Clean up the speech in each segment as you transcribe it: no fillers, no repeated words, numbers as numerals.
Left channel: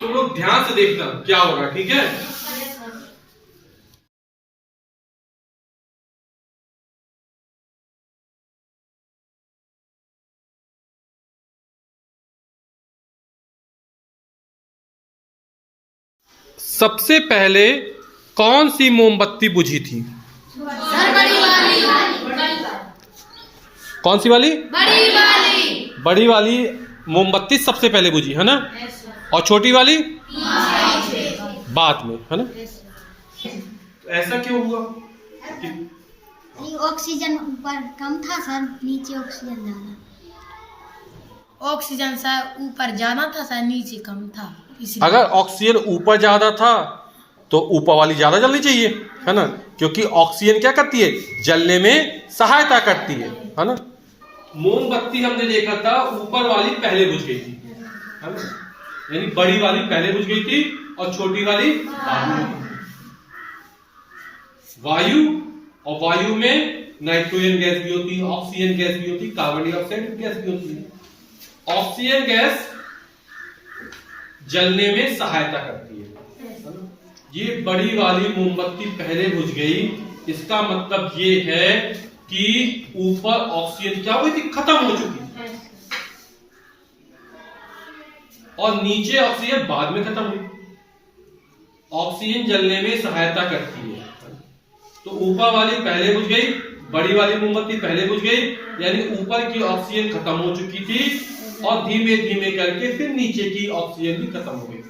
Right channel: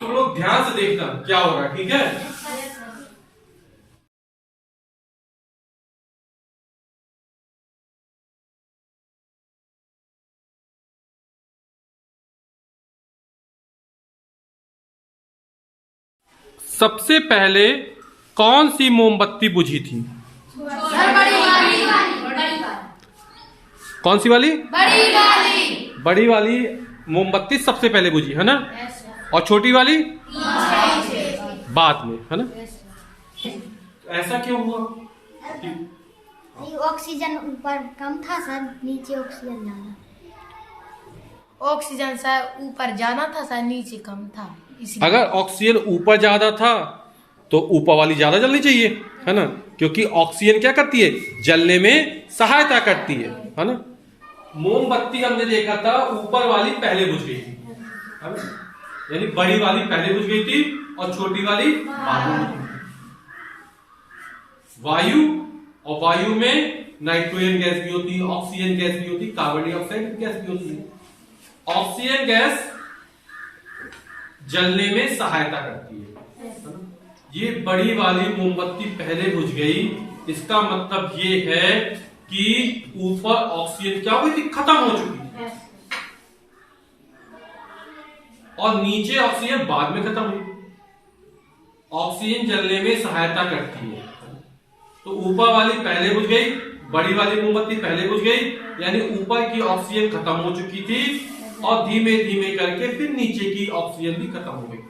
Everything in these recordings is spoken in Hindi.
तुम लोग ध्यान से देखना क्या होगा, ठीक है। सबसे पहले कौन सी मोमबत्ती बुझी थी? बड़ी वाली। कौन सी वाली? बड़ी वाली। बड़ी वाली मोमबत्ती सबसे पहले बुझी है ना, और छोटी वाली बाद में, है ना। ऐसा क्यों हुआ? ऑक्सीजन ऊपर कम था सर, नीचे ऑक्सीजन ज्यादा। ऑक्सीजन सर ऊपर ज्यादा था सर, नीचे कम था, इसलिए। अगर ऑक्सीजन ऊपर ज्यादा था तो ऊपर वाली ज्यादा जलनी चाहिए, है ना, क्योंकि ऑक्सीजन क्या करती है? जलने में सहायता करती है ना। मोमबत्ती हमने देखा था ऊपर वाली पहले बुझ गई थी, है ना, यानी बड़ी वाली पहले बुझ गई थी और छोटी वाली बाद में। वायु, और वायु में नाइट्रोजन गैस भी होती है, ऑक्सीजन गैस भी होती है, कार्बन डाइऑक्साइड गैस भी होती है। ऑक्सीजन गैस जलने में सहायता करती है। ये बड़ी वाली मोमबत्ती पहले बुझ गई, इसका मतलब ये है कि ऊपर ऑक्सीजन क्या हुई थी? खत्म हो चुकी थी, और नीचे ऑक्सीजन बाद में खत्म हुई। ऑक्सीजन जलने में सहायता करती है, तो ऊपर वाली पहले बुझ गई, बड़ी वाली मोमबत्ती पहले बुझ गई, यानी ऊपर की ऑक्सीजन खत्म हो चुकी थी और धीमे धीमे करके फिर नीचे की ऑक्सीजन भी खत्म हो गई।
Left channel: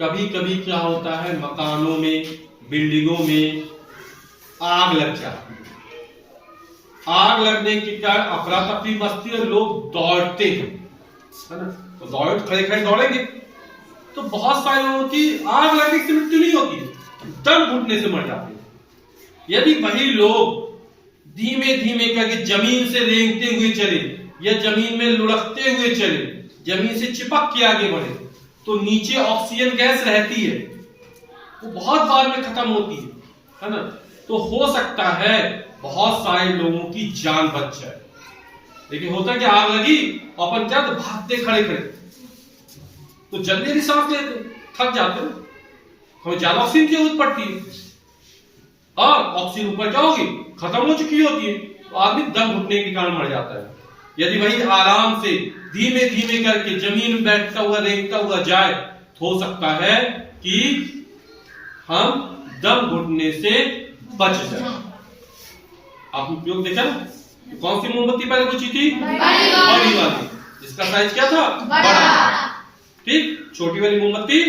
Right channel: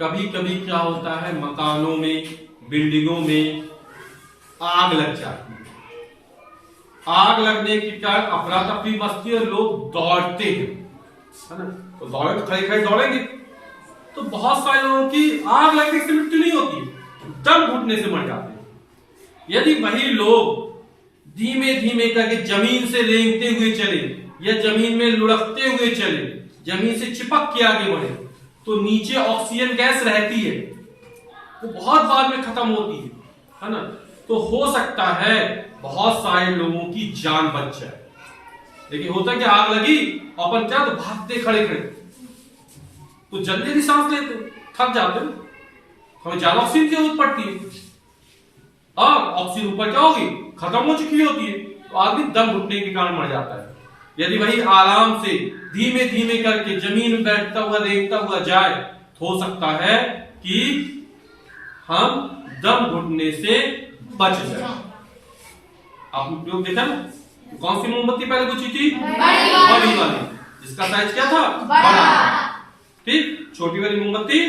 कभी कभी क्या होता है, मकानों में, बिल्डिंगों में आग लग जाती है। आग लगने के कारण अफरा तफरी मचती है, लोग दौड़ते हैं, है ना, तो दौड़े, खड़े खड़े दौड़ेंगे, तो बहुत सारे लोगों की आग लगने से मृत्यु नहीं होती, दम घुटने से मर जाते हैं। यदि वही लोग धीमे धीमे करके जमीन से रेंगते हुए चले या जमीन में लुढ़कते हुए चले, जमीन से चिपक के आगे बढ़े, तो नीचे ऑक्सीजन गैस रहती है, वो बहुत बाद में खत्म होती है ना, तो हो सकता है बहुत सारे लोगों की जान बच जाए। लेकिन होता है कि आग लगी अपन क्या, तो भागते खड़े खड़े, तो जल्दी भी सांस लेते, थक जाते, हमें ज्यादा ऑक्सीजन की जरूरत पड़ती है, और ऑक्सीजन ऊपर क्या होगी? खत्म हो चुकी होती है, तो आदमी दम घुटने के कारण मर जाता है। यदि वही आराम से धीमे धीमे करके जमीन में बैठता हुआ रेंगता हुआ जाए, तो हो सकता है कि हम दम घुटने से बच जाए। आपने प्रयोग देखा ना, कौन सी मोमबत्ती पहले बुझी थी? बड़ी वाली, जिसका साइज क्या था? बड़ा। ठीक, छोटी वाली मोमबत्ती